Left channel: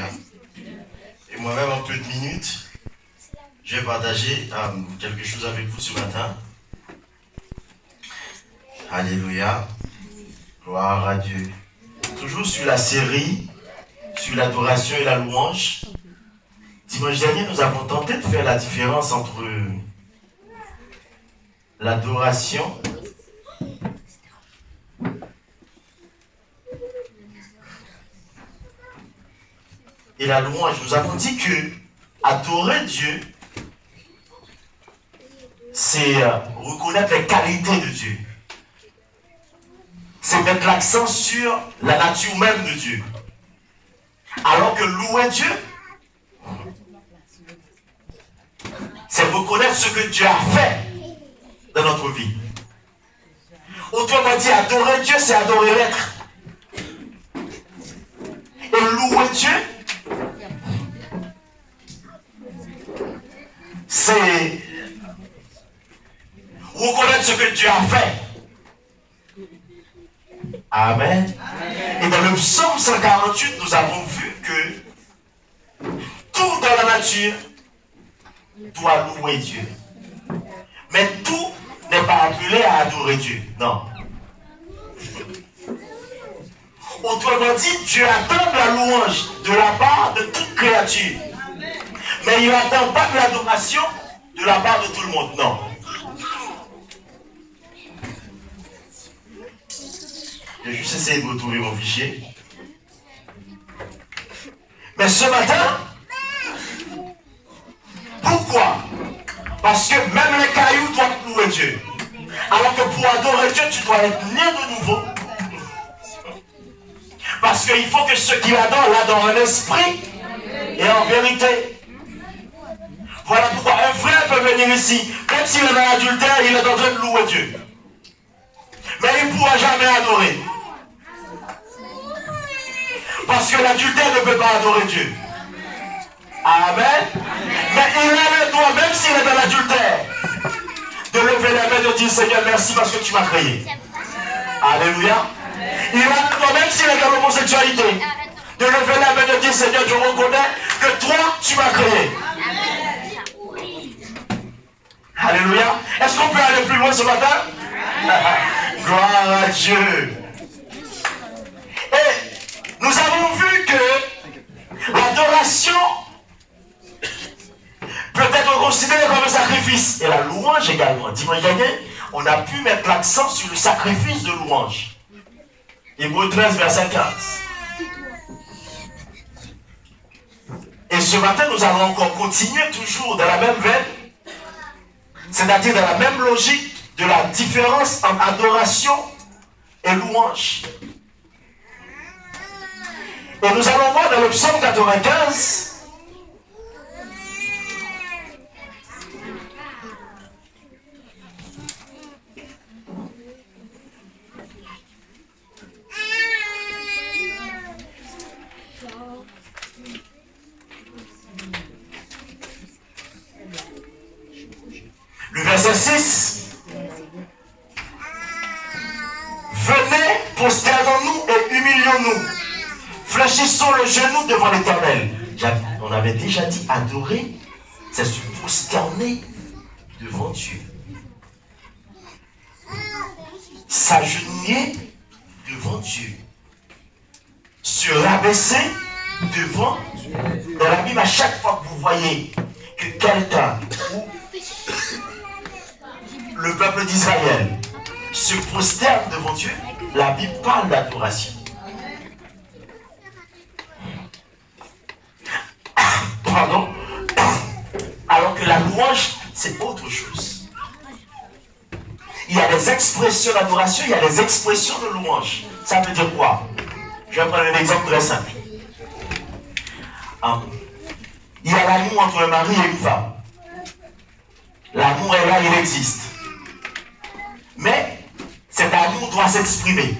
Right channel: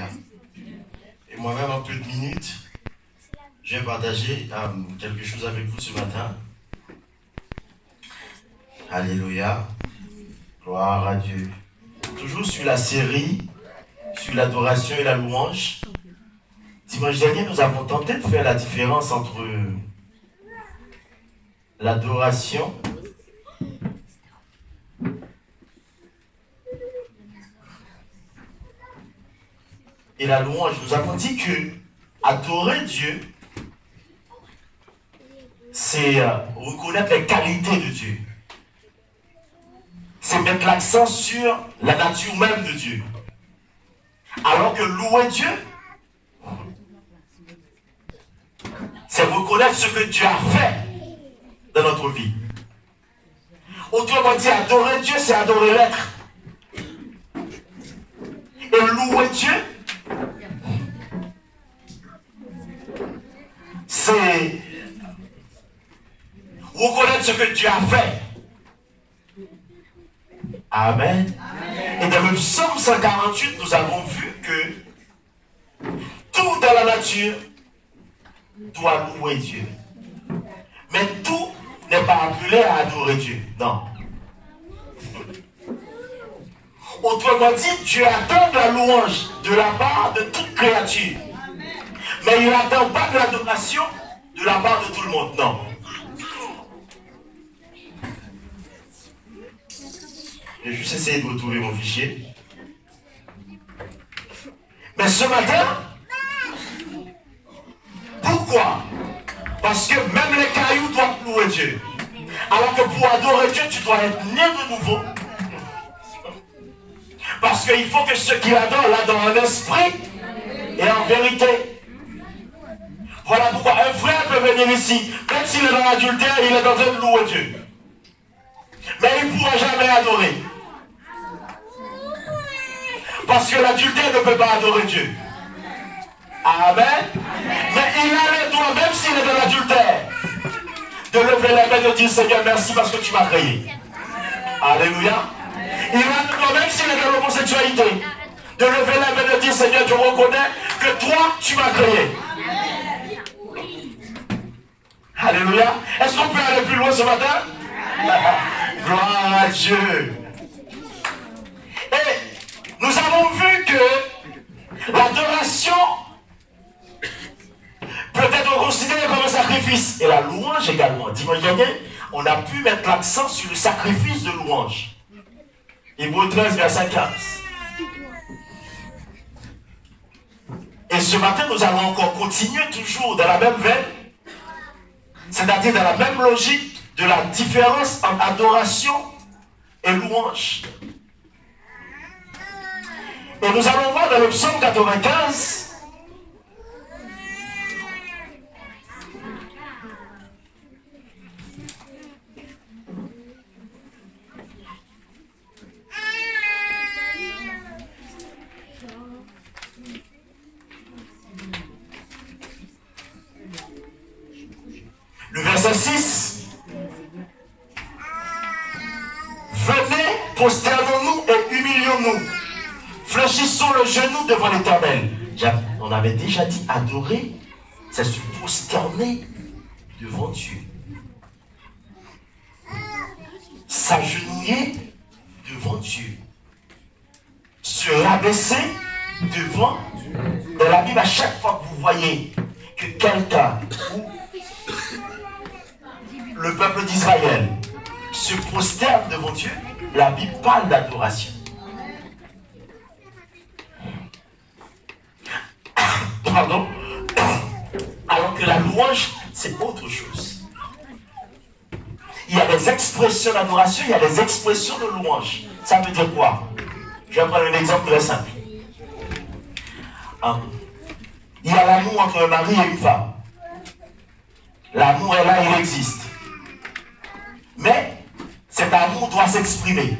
Alléluia. Et moi-même, en peu de minutes, je vais partager quelque chose avec vous ce matin. Alléluia. Gloire à Dieu. Toujours sur la série, sur l'adoration et la louange. Dimanche dernier, nous avons tenté de faire la différence entre l'adoration et la louange. Nous avons dit que adorer Dieu, c'est reconnaître les qualités de Dieu. C'est mettre l'accent sur la nature même de Dieu. Alors que louer Dieu, c'est reconnaître ce que Dieu a fait dans notre vie. Autrement dit, adorer Dieu, c'est adorer l'être. Et louer Dieu, c'est reconnaître ce que Dieu a fait. Amen. Amen. Et dans le psaume 148, nous avons vu que tout dans la nature doit louer Dieu. Mais tout n'est pas appelé à adorer Dieu. Non. Autrement dit, Dieu attend de la louange de la part de toute créature. Mais il n'attend pas de l'adoration de la part de tout le monde. Non. J'ai juste essayé de retrouver mon fichier. Mais ce matin, pourquoi? Parce que même les cailloux doivent louer Dieu. Alors que pour adorer Dieu, tu dois être né de nouveau. Parce qu'il faut que ceux qui l'adorent en esprit et en vérité. Voilà pourquoi un frère peut venir ici, même s'il est dans l'adultère, il est en train de louer Dieu. Mais il ne pourra jamais adorer. Parce que l'adultère ne peut pas adorer Dieu. Amen. Mais il a le droit, même s'il est dans l'adultère, de lever la main et de dire Seigneur, merci parce que tu m'as créé. Alléluia. Il a le droit, même s'il est dans l'homosexualité, de lever la main et de dire Seigneur, je reconnais que toi, tu m'as créé. Alléluia. Est-ce qu'on peut aller plus loin ce matin? Gloire à Dieu. Et nous avons vu que l'adoration peut être considérée comme un sacrifice. Et la louange également. Dimanche dernier, on a pu mettre l'accent sur le sacrifice de louange. Hébreux 13, verset 15. Et ce matin, nous allons encore continuer toujours dans la même veine. C'est-à-dire dans la même logique de la différence entre adoration et louange. Et nous allons voir dans le psaume 95, le verset 6. Venez, prosternons-nous et humilions-nous. Fléchissons le genou devant l'Éternel. On avait déjà dit adorer, c'est se prosterner devant Dieu. S'agenouiller devant Dieu. Se rabaisser devant Dieu. Dans la Bible, à chaque fois que vous voyez que quelqu'un, le peuple d'Israël, se prosterne devant Dieu, la Bible parle d'adoration. Pardon. Alors que la louange, c'est autre chose. Il y a des expressions d'adoration, il y a des expressions de louange. Ça veut dire quoi? Je vais prendre un exemple très simple. Il y a l'amour entre un mari et une femme. L'amour est là, il existe. Mais cet amour doit s'exprimer.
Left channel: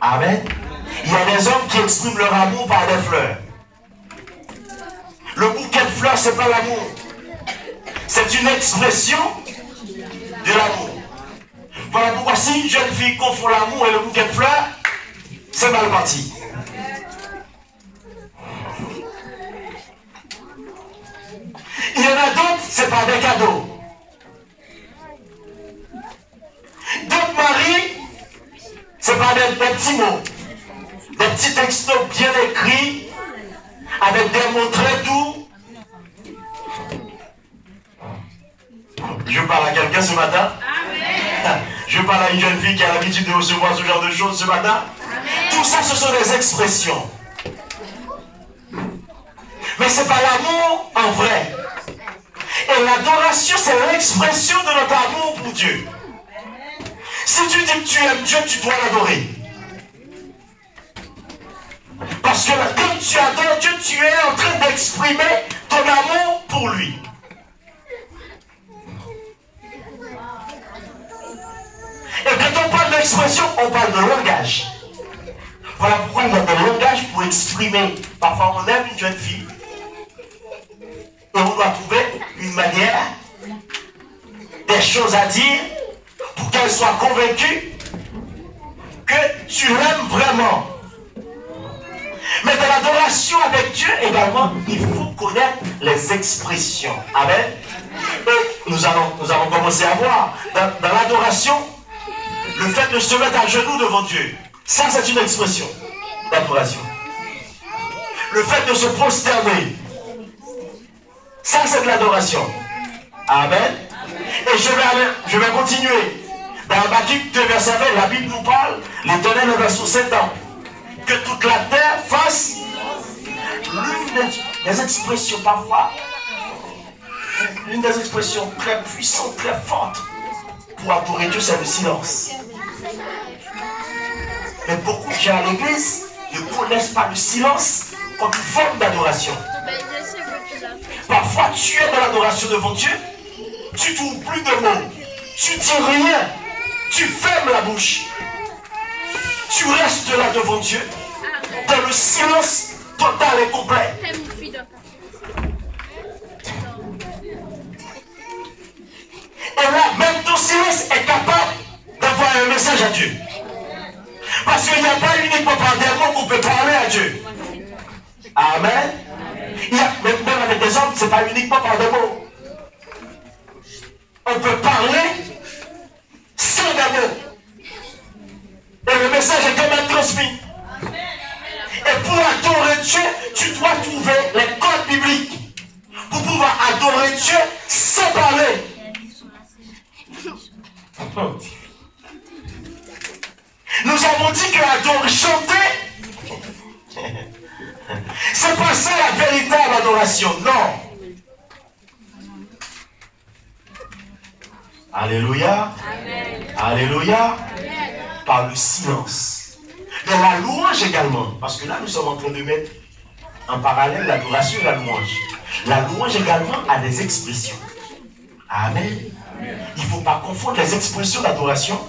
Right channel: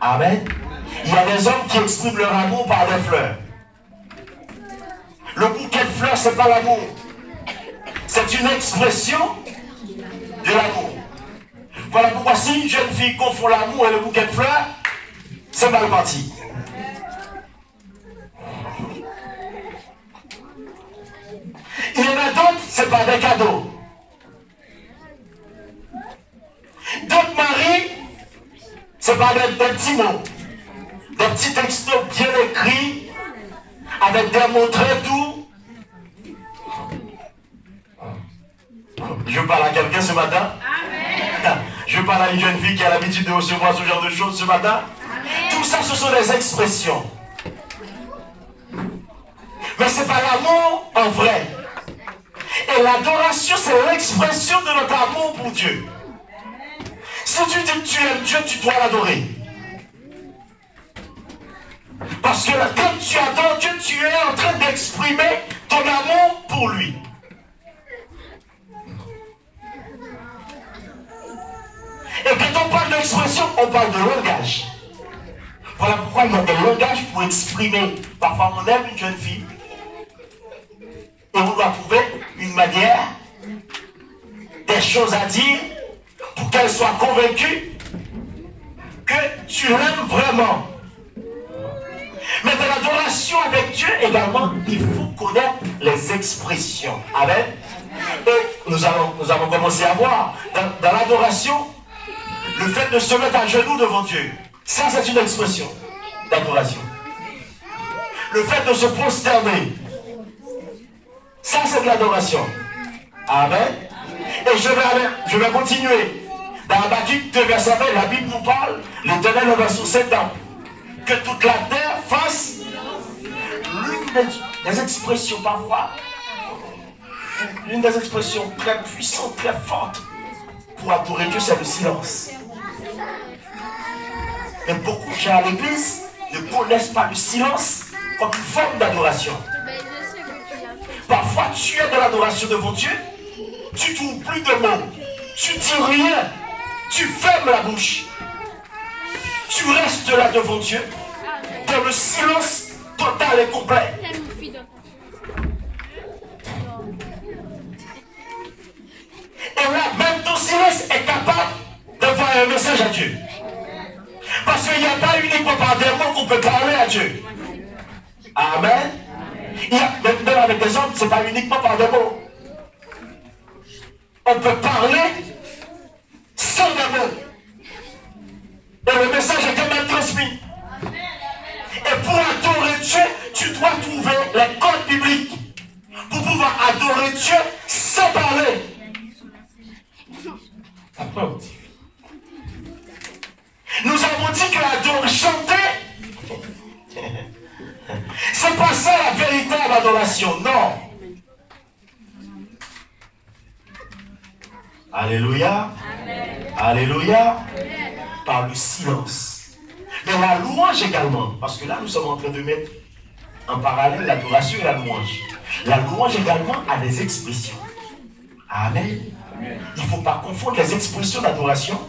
Amen. Il y a des hommes qui expriment leur amour par des fleurs. Le bouquet de fleurs, ce n'est pas l'amour. C'est une expression de l'amour. Voilà pourquoi si une jeune fille confond l'amour et le bouquet de fleurs, c'est mal parti. c'est pas des cadeaux. Donc Marie, c'est pas des petits mots, des petits textos bien écrits, avec des mots très doux. Je parle à quelqu'un ce matin. Amen. Je parle à une jeune fille qui a l'habitude de recevoir ce genre de choses ce matin. Amen. Tout ça, ce sont des expressions. Mais ce n'est pas l'amour en vrai. Et l'adoration, c'est l'expression de notre amour pour Dieu. Si tu dis que tu aimes Dieu, tu dois l'adorer. Parce que quand tu adores Dieu, tu es en train d'exprimer ton amour pour lui. Et quand on parle d'expression, on parle de langage. Voilà pourquoi il y a des langages pour exprimer. Parfois, on aime une jeune fille et on doit trouver une manière, des choses à dire pour qu'elle soit convaincue que tu l'aimes vraiment. Mais dans l'adoration avec Dieu également, il faut connaître les expressions. Amen. Et nous allons commencer à voir dans l'adoration, le fait de se mettre à genoux devant Dieu. Ça, c'est une expression d'adoration. Le fait de se prosterner, ça, c'est de l'adoration. Amen. Et je vais continuer. Dans Habakkuk 2, verset 20, la Bible nous parle, l'Éternel est sous 7 ans. Que toute la terre fasse l'une des expressions parfois, l'une des expressions très puissantes, très fortes pour adorer Dieu, c'est le silence. Mais beaucoup de gens à l'église ne connaissent pas le silence comme une forme d'adoration. Parfois, tu es dans l'adoration devant Dieu, tu ne trouves plus de mots, tu ne dis rien, tu fermes la bouche, tu restes là devant Dieu, dans le silence total et complet. Et là, même ton silence est capable d'avoir un message à Dieu. Parce qu'il n'y a pas uniquement par des mots qu'on peut parler à Dieu. Amen. Il y a, même avec des hommes, ce n'est pas uniquement par des mots. On peut parler sans des mots. Et le message est quand même transmis. Et pour adorer Dieu, tu dois trouver les codes bibliques pour pouvoir adorer Dieu sans parler. Nous avons dit que adorer, chanter, c'est pas ça la véritable adoration, non. Alléluia. Amen. Alléluia. Amen. Par le silence. Mais la louange également, parce que là nous sommes en train de mettre en parallèle l'adoration et la louange. La louange également a des expressions. Amen. Il ne faut pas confondre les expressions d'adoration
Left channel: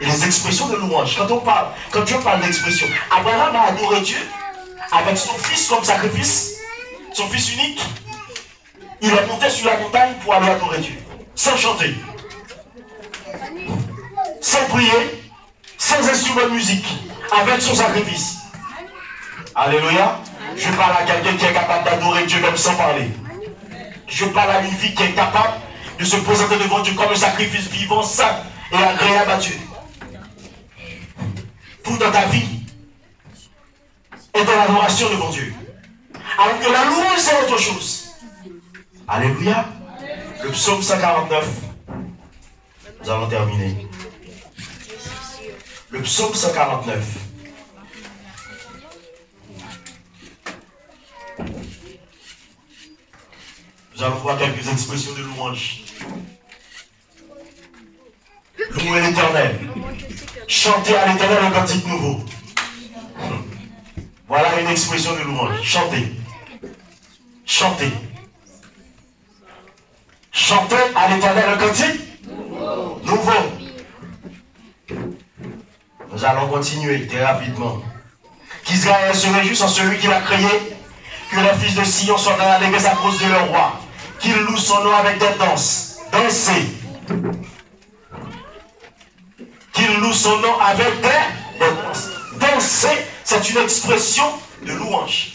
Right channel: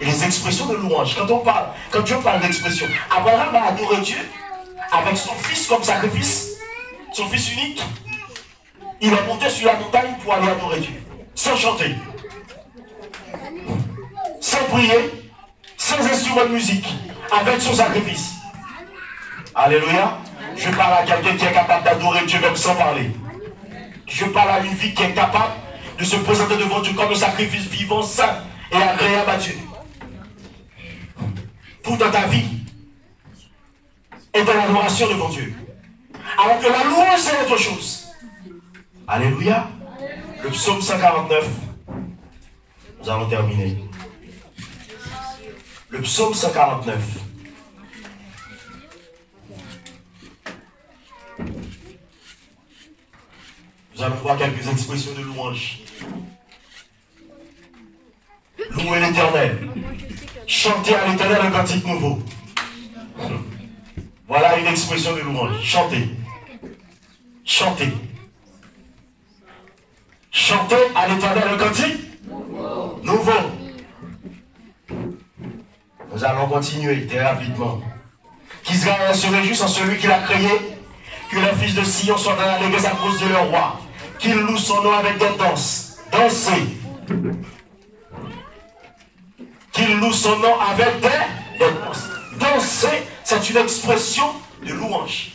et les expressions de louange. Quand Dieu parle d'expression, Abraham a adoré Dieu avec son fils comme sacrifice, son fils unique. Il est monté sur la montagne pour aller adorer Dieu, sans chanter, sans prier, sans instrument de musique, avec son sacrifice. Alléluia. Je parle à quelqu'un qui est capable d'adorer Dieu même sans parler. Je parle à une vie qui est capable de se présenter devant Dieu comme un sacrifice vivant, sain et agréable à Dieu. Tout dans ta vie et dans l'adoration devant Dieu. Alors que la louange, c'est autre chose. Alléluia. Le psaume 149. Nous allons terminer. Le psaume 149. Nous allons voir quelques expressions de louange. Louez l'Éternel. Chantez à l'Éternel un cantique nouveau. Voilà une expression de louange. Chantez. Chantez. Chantez à l'Éternel un cantique nouveau. Nous allons continuer très rapidement. Qu'Israël se réjouisse en celui qui l'a créé. Que les fils de Sion soient dans l'allégresse à cause de leur roi. Qu'ils louent son nom avec des danses. Dansez. Qu'il loue son nom avec des danses. Danser, c'est une expression de louange.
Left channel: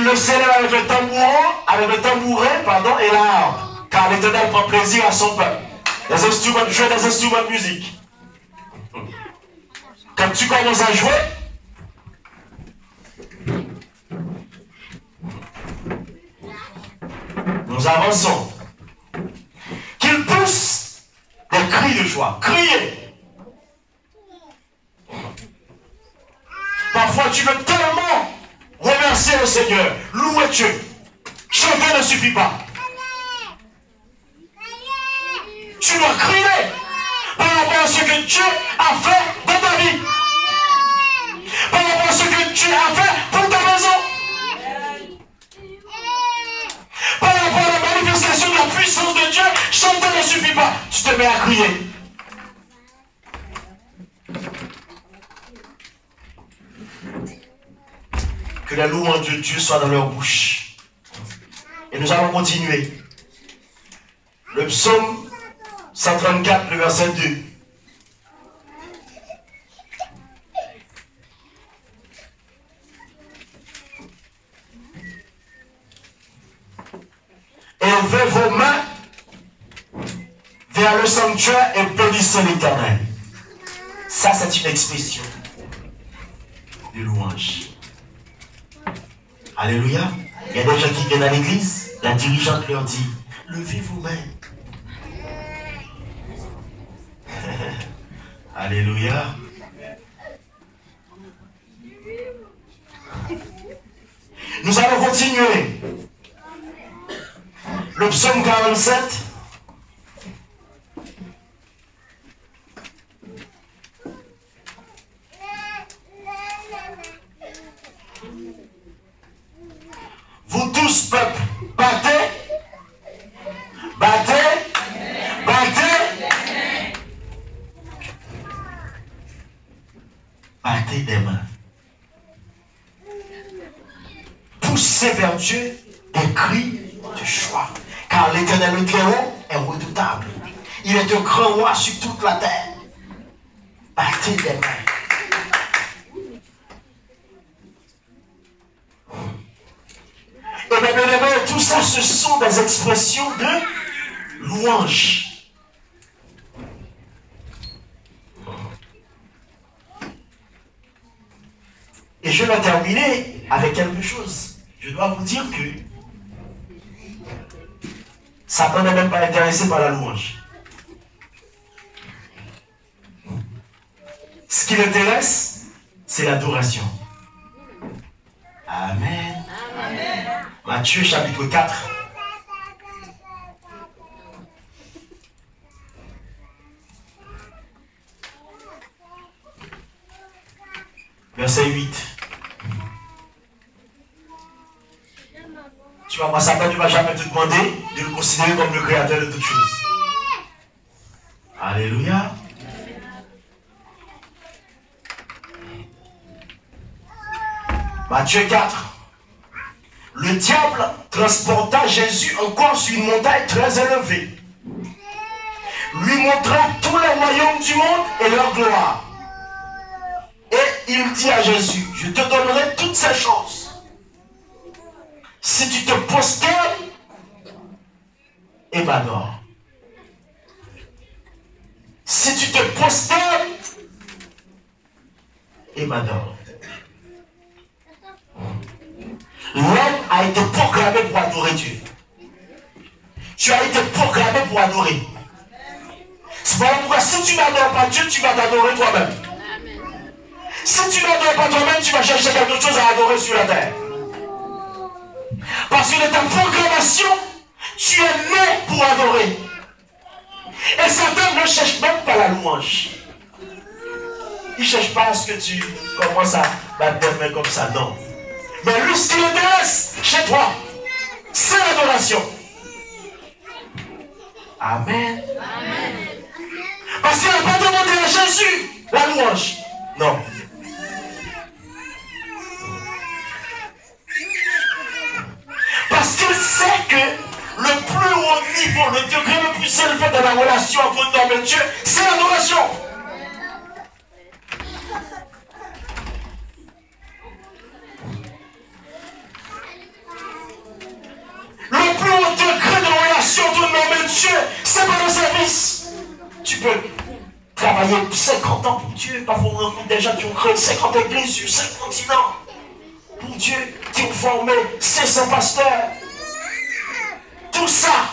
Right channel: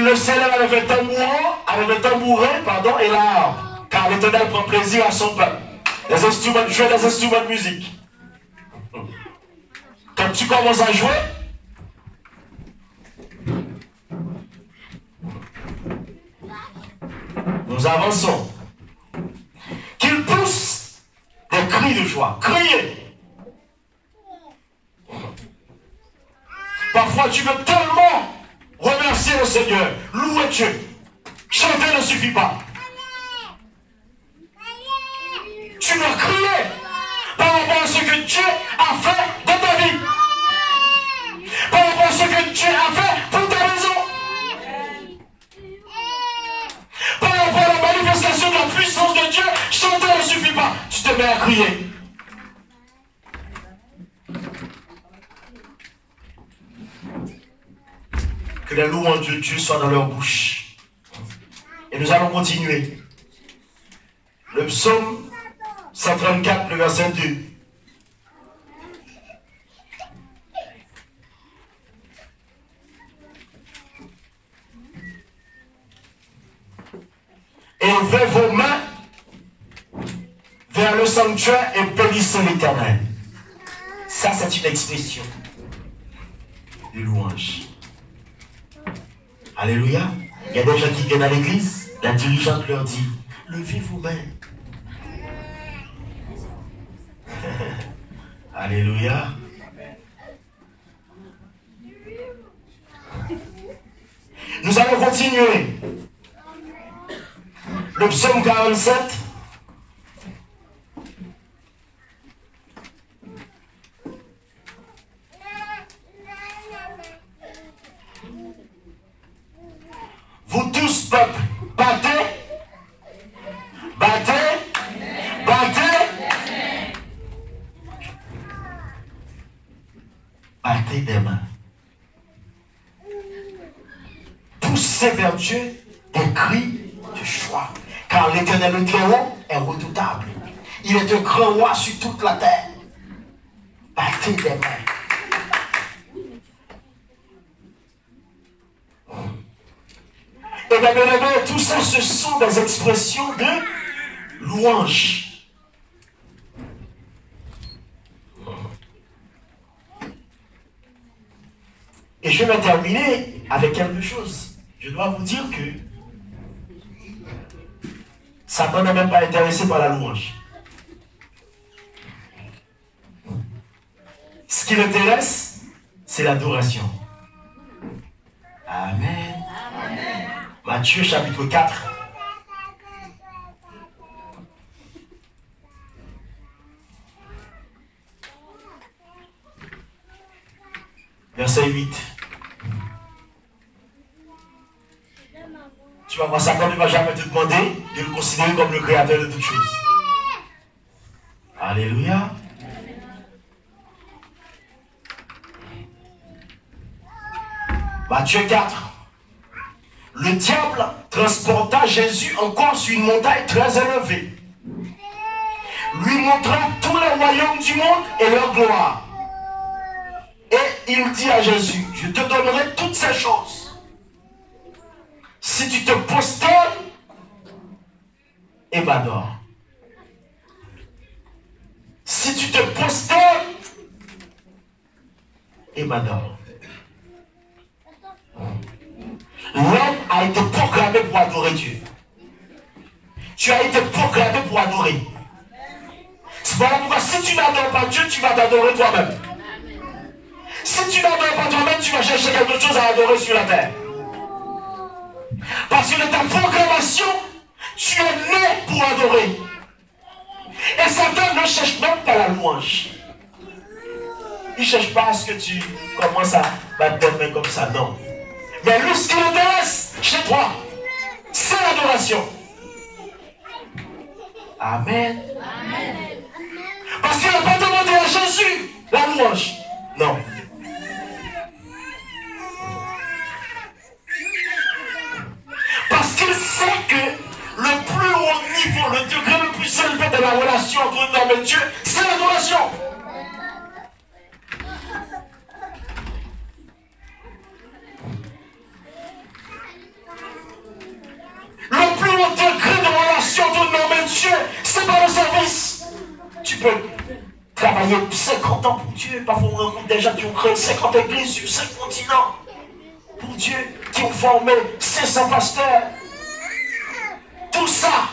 Il le célèbre avec le tambourin, pardon, et la harpe, car l'Éternel prend plaisir à son peuple. Les instruments, jouer des instruments de musique. Quand tu commences à jouer, nous avançons. Qu'il pousse des cris de joie. Crier. Parfois, tu veux tellement remercier le Seigneur, louer Dieu. Chanter ne suffit pas. Tu dois crier par rapport à ce que Dieu a fait dans ta vie. Par rapport à ce que Dieu a fait pour ta maison. Par rapport à la manifestation de la puissance de Dieu, chanter ne suffit pas. Tu te mets à crier. Que les louanges de Dieu soient dans leur bouche. Et nous allons continuer. Le psaume 134, le verset 2. Élevez vos mains vers le sanctuaire et bénissez l'Éternel. Ça, c'est une expression de louange. Alléluia. Il y a des gens qui viennent à l'église, la dirigeante leur dit, levez vos mains. Alléluia. Nous allons continuer. Le psaume 47. Vous tous, peuple, battez, battez, battez, battez des mains. Poussez vers Dieu des cris de joie. Car l'Éternel le Très-Haut est redoutable. Il est un grand roi sur toute la terre. Battez des mains. Et bien, bien aimé, tout ça, ce sont des expressions de louange. Et je vais terminer avec quelque chose. Je dois vous dire que Satan n'est même pas intéressé par la louange. Ce qui l'intéresse, c'est l'adoration. Amen. Amen. Matthieu chapitre 4. Verset 8. Tu vas voir, Satan ne va jamais te demander de le considérer comme le créateur de toutes choses. Alléluia. Matthieu 4. Le diable transporta Jésus encore sur une montagne très élevée, lui montra tous les royaumes du monde et leur gloire. Et il dit à Jésus, je te donnerai toutes ces choses si tu te prosternes et m'adores. Si tu te prosternes et m'adores. L'homme a été proclamé pour adorer Dieu. Tu as été proclamé pour adorer. C'est pourquoi si tu n'adores pas Dieu, tu vas t'adorer toi-même. Si tu n'adores pas toi-même, tu vas chercher quelque chose à adorer sur la terre. Parce que de ta proclamation, tu es né pour adorer. Et Satan ne cherche même pas la louange. Il ne cherche pas à ce que tu commences à battre des mains comme ça, non. Mais lui, ce qui l'intéresse chez toi, c'est l'adoration. Amen. Amen. Parce qu'il n'a pas demandé à Jésus la louange. Non. Parce qu'il sait que le plus haut niveau, le degré le plus élevé de la relation entre l'homme et Dieu, c'est l'adoration. Dieu, c'est pas le service. Tu peux travailler 50 ans pour Dieu. Parfois, on rencontre des gens qui ont créé 50 églises sur 5 continents. Pour Dieu, qui ont formé 500 pasteurs. Tout ça,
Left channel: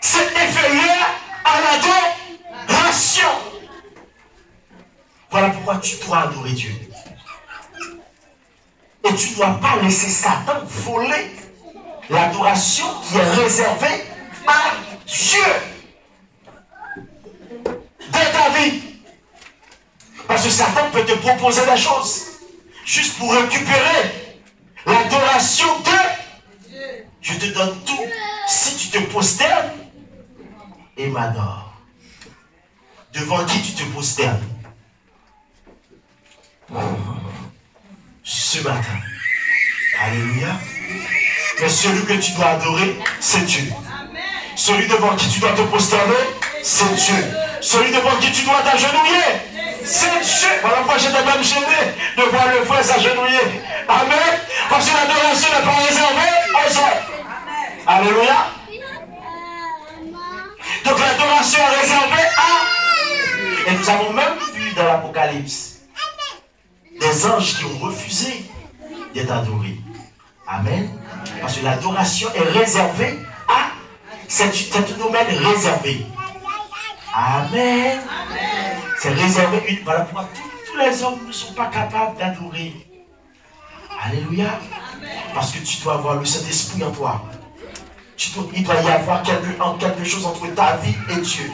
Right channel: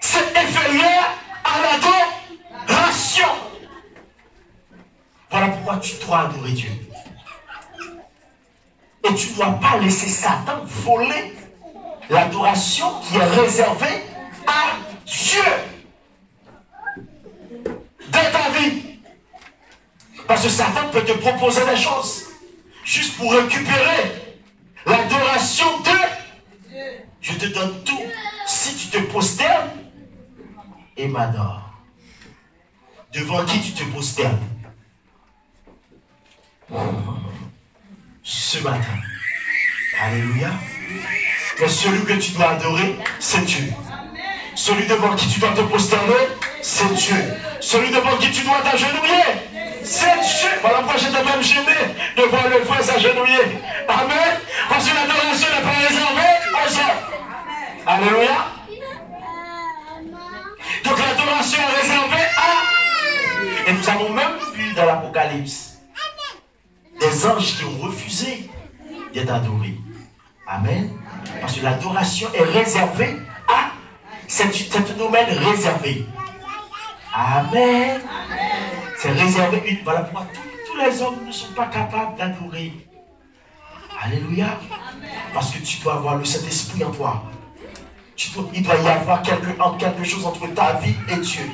c'est inférieur à l'adoration. Voilà pourquoi tu dois adorer Dieu. Et tu ne dois pas laisser Satan voler l'adoration qui est réservée à Dieu dans ta vie. Parce que Satan peut te proposer des choses juste pour récupérer l'adoration de Dieu. Je te donne tout si tu te prosternes et m'adores. Devant qui tu te prosternes? Ce matin. Alléluia. Mais celui que tu dois adorer, c'est Dieu. Celui devant qui tu dois te prosterner, c'est Dieu. Celui devant qui tu dois t'agenouiller, c'est Dieu. Voilà pourquoi j'étais même gêné de voir le frère s'agenouiller. Amen. Parce que l'adoration n'est pas réservée aux hommes. Alléluia. Donc l'adoration est réservée à... Et nous avons même vu dans l'Apocalypse des anges qui ont refusé d'être adorés. Amen. Parce que l'adoration est réservée à cette domaine réservée. Amen. C'est réservé. Voilà pourquoi tous les hommes ne sont pas capables d'adorer. Alléluia. Parce que tu dois avoir le Saint-Esprit en toi. Il doit y avoir quelque chose entre ta vie et Dieu.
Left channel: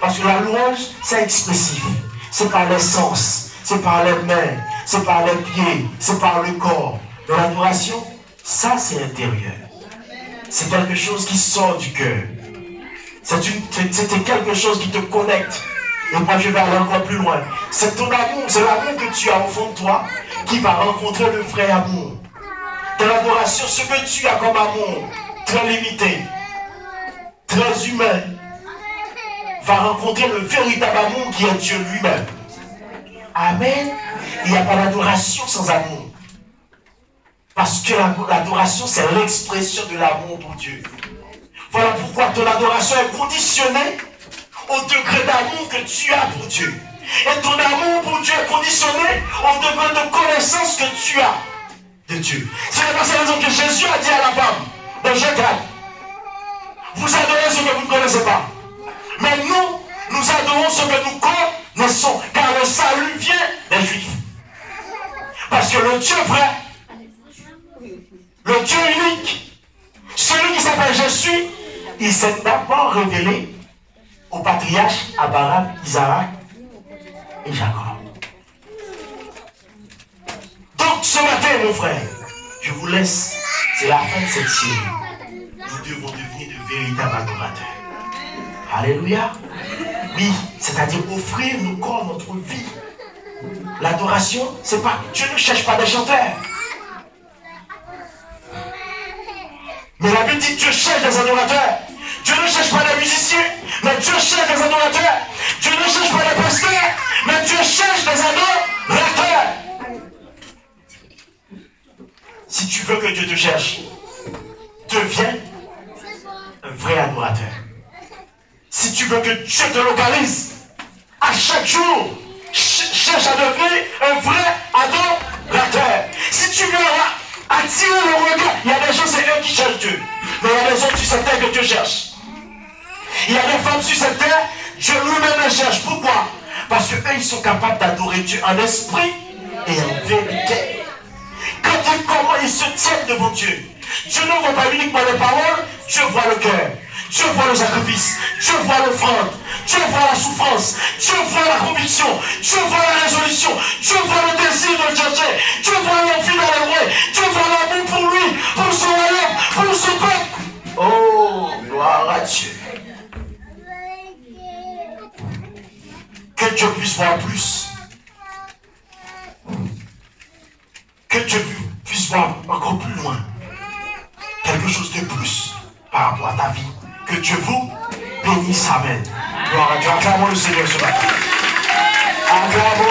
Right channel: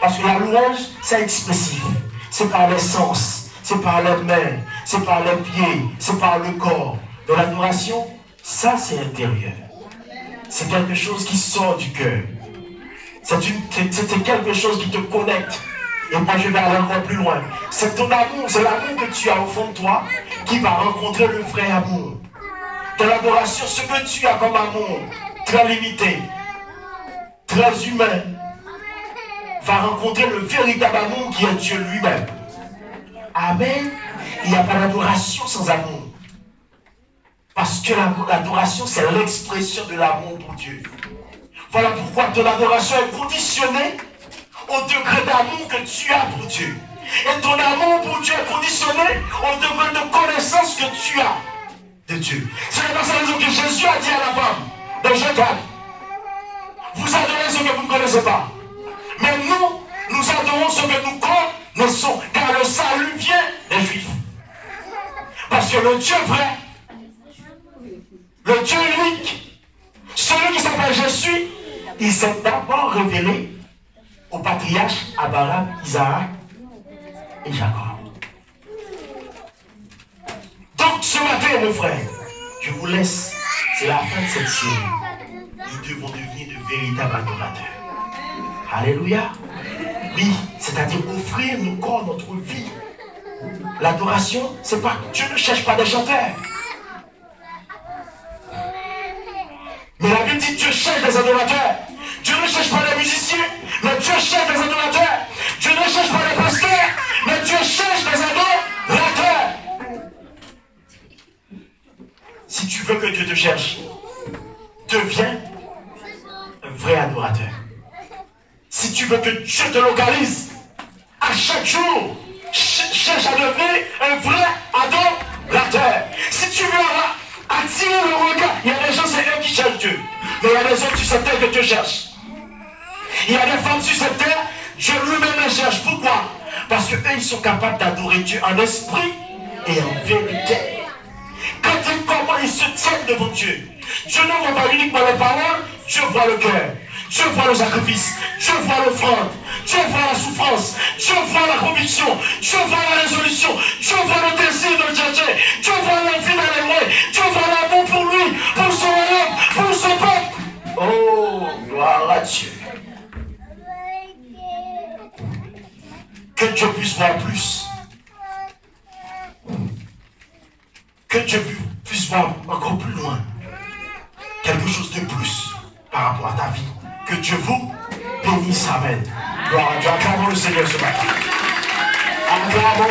Parce que la louange, c'est expressif. C'est par les sens. C'est par les mains, c'est par les pieds, c'est par le corps. De l'adoration, ça c'est intérieur. C'est quelque chose qui sort du cœur. C'est quelque chose qui te connecte. Et moi je vais aller encore plus loin. C'est ton amour, c'est l'amour que tu as au fond de toi qui va rencontrer le vrai amour. De l'adoration, ce que tu as comme amour, très limité, très humain, va rencontrer le véritable amour qui est Dieu lui-même. Amen. Il n'y a pas d'adoration sans amour. Parce que l'adoration, c'est l'expression de l'amour pour Dieu. Voilà pourquoi ton adoration est conditionnée au degré d'amour que tu as pour Dieu. Et ton amour pour Dieu est conditionné au degré de connaissance que tu as de Dieu. C'est pour cette raison que Jésus a dit à la femme dans Jean 4, vous adorez ce que vous ne connaissez pas. Mais nous adorons ce que nous connaissons, car le salut vient des Juifs. Parce que le Dieu vrai, le Dieu unique, celui qui s'appelle Jésus, il s'est d'abord révélé aux patriarches Abraham, Isaac et Jacob. Donc ce matin, mon frère, je vous laisse, c'est la fin de cette série. Nous devons devenir de véritables adorateurs. Alléluia. Oui, c'est-à-dire offrir nos corps, notre vie. L'adoration, c'est pas, Dieu ne cherche pas des chanteurs. Mais la Bible dit Dieu cherche des adorateurs. Dieu ne cherche pas des musiciens, mais Dieu cherche des adorateurs. Dieu ne cherche pas des pasteurs, mais Dieu cherche des adorateurs. Si tu veux que Dieu te cherche, deviens un vrai adorateur. Si tu veux que Dieu te localise, à chaque jour, cherche à devenir un vrai adorateur. Si tu veux attirer le regard, il y a des gens, c'est eux qui cherchent Dieu. Mais il y a des autres sur cette terre que Dieu cherche. Il y a des femmes sur cette terre, Dieu lui-même les cherche. Pourquoi? Parce qu'eux, ils sont capables d'adorer Dieu en esprit et en vérité. Comment ils se tiennent devant Dieu. Dieu ne voit pas uniquement les paroles, Dieu voit le cœur. Dieu voit le sacrifice, Dieu voit l'offrande, Dieu voit la souffrance, Dieu voit la conviction, Dieu voit la résolution, Dieu voit le désir de le chercher, Dieu voit l'envie d'aller loin, Dieu voit l'amour pour lui, pour son royaume, pour son peuple. Oh, gloire à Dieu. Que Dieu puisse voir plus. Que Dieu puisse voir encore plus loin. Quelque chose de plus par rapport à ta vie. Que Dieu vous bénisse. Amen. Gloire à Dieu. Acclamons le Seigneur ce matin. Acclamons.